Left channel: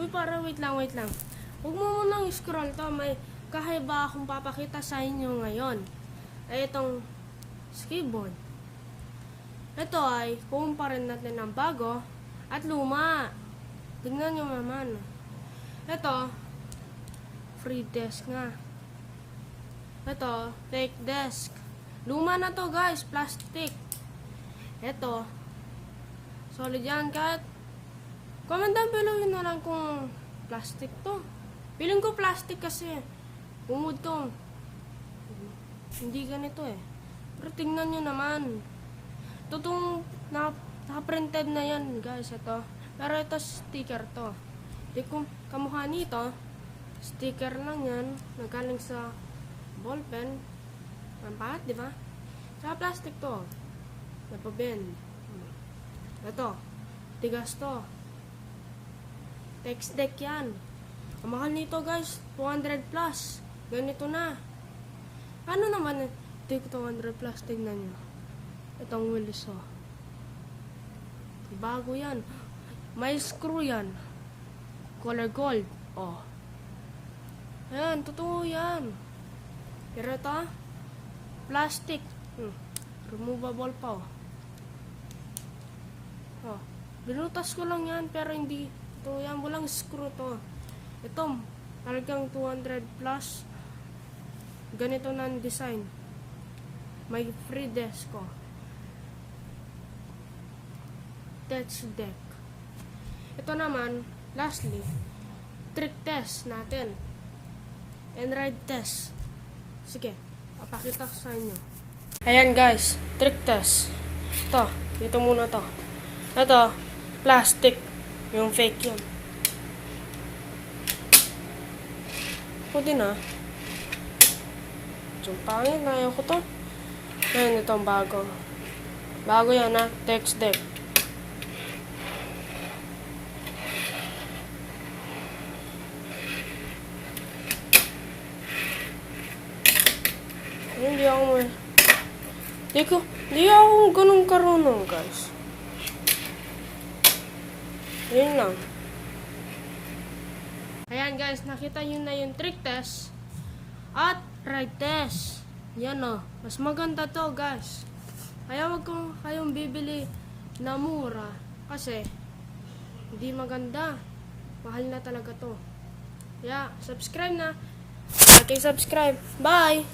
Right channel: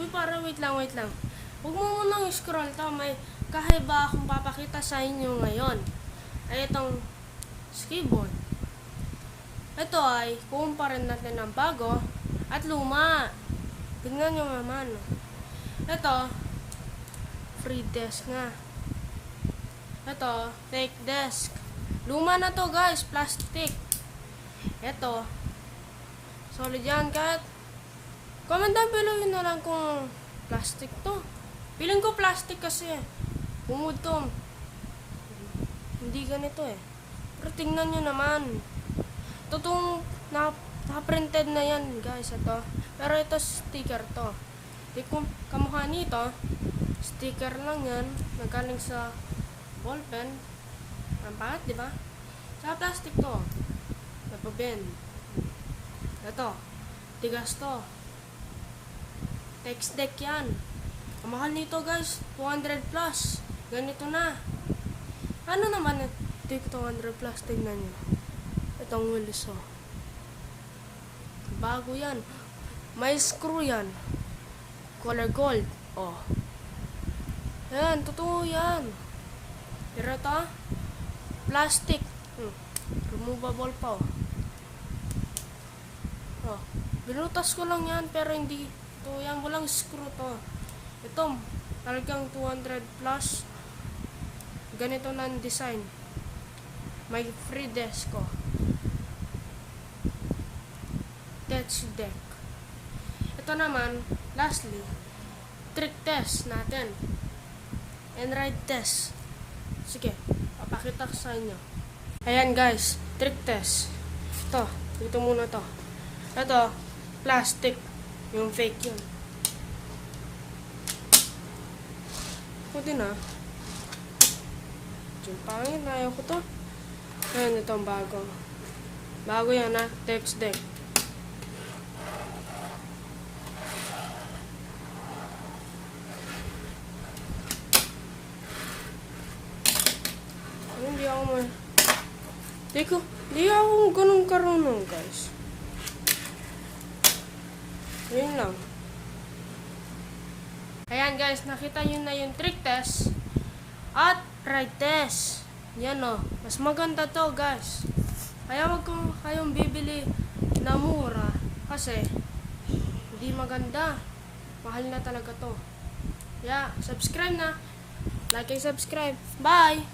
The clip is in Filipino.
Uy, para wait lang. Huwag mo munang scroll to. May kakaiba akong papakita sa inyo ngayon. Ay itong keyboard. Ito ay kukumparin natin ng bago at luma. Tingnan nyo naman. Ito, free desk nga. Ito, fake desk. Luma na to guys, plastic. Ito, solid yan kahit. Comment down below yun na lang kung plastic to. Feeling ko plastic kasi. Bumud to. Hindi ganito eh. Pero tingnan nyo naman. Totoong naka-printed na yan guys. Ito. Pero ito sticker to. Di kung kamukha nito, sticker lang yan. Nagaling sa ballpen. Ang pangat, di ba? Sa plastic to. Napabend. Ito. Tigas to. Text deck yan. Ang mahal nito guys. 200 plus. Ganito na. Ano naman ito 200 plus? Tignan nyo. Itong wheels oh. Bago yan. May screw yan. Color gold. Oh. Yan. Totoo yan. Pero ito plastic. Removable pa oh. Oh. Binutas ko lang yan pero hindi ito yan, walang screw to. Ito, talagang 200 plus. Ganito na ang design. May free desk ko. Touch deck. Ito naman, lastly, trick test natin. And ride test. Sige, papakita ko sa inyo. Ayan guys, trick test. Ito, dito muna to. Ito, plastic. Yung fake yun. Pwede na. Yung pangit, ayaw ko to. Ayan, itong bago. Bago yan ha, text deck. Hindi ako ganun karunong guys. Yun lang. Ayan guys, nakita nyo na yung trick test at ride test. Yan o. Mas maganda to guys. Kaya wag kong kayong bibili na mura. Kasi hindi maganda. Mahal na talaga to. Kaya subscribe na. Like and subscribe. Bye!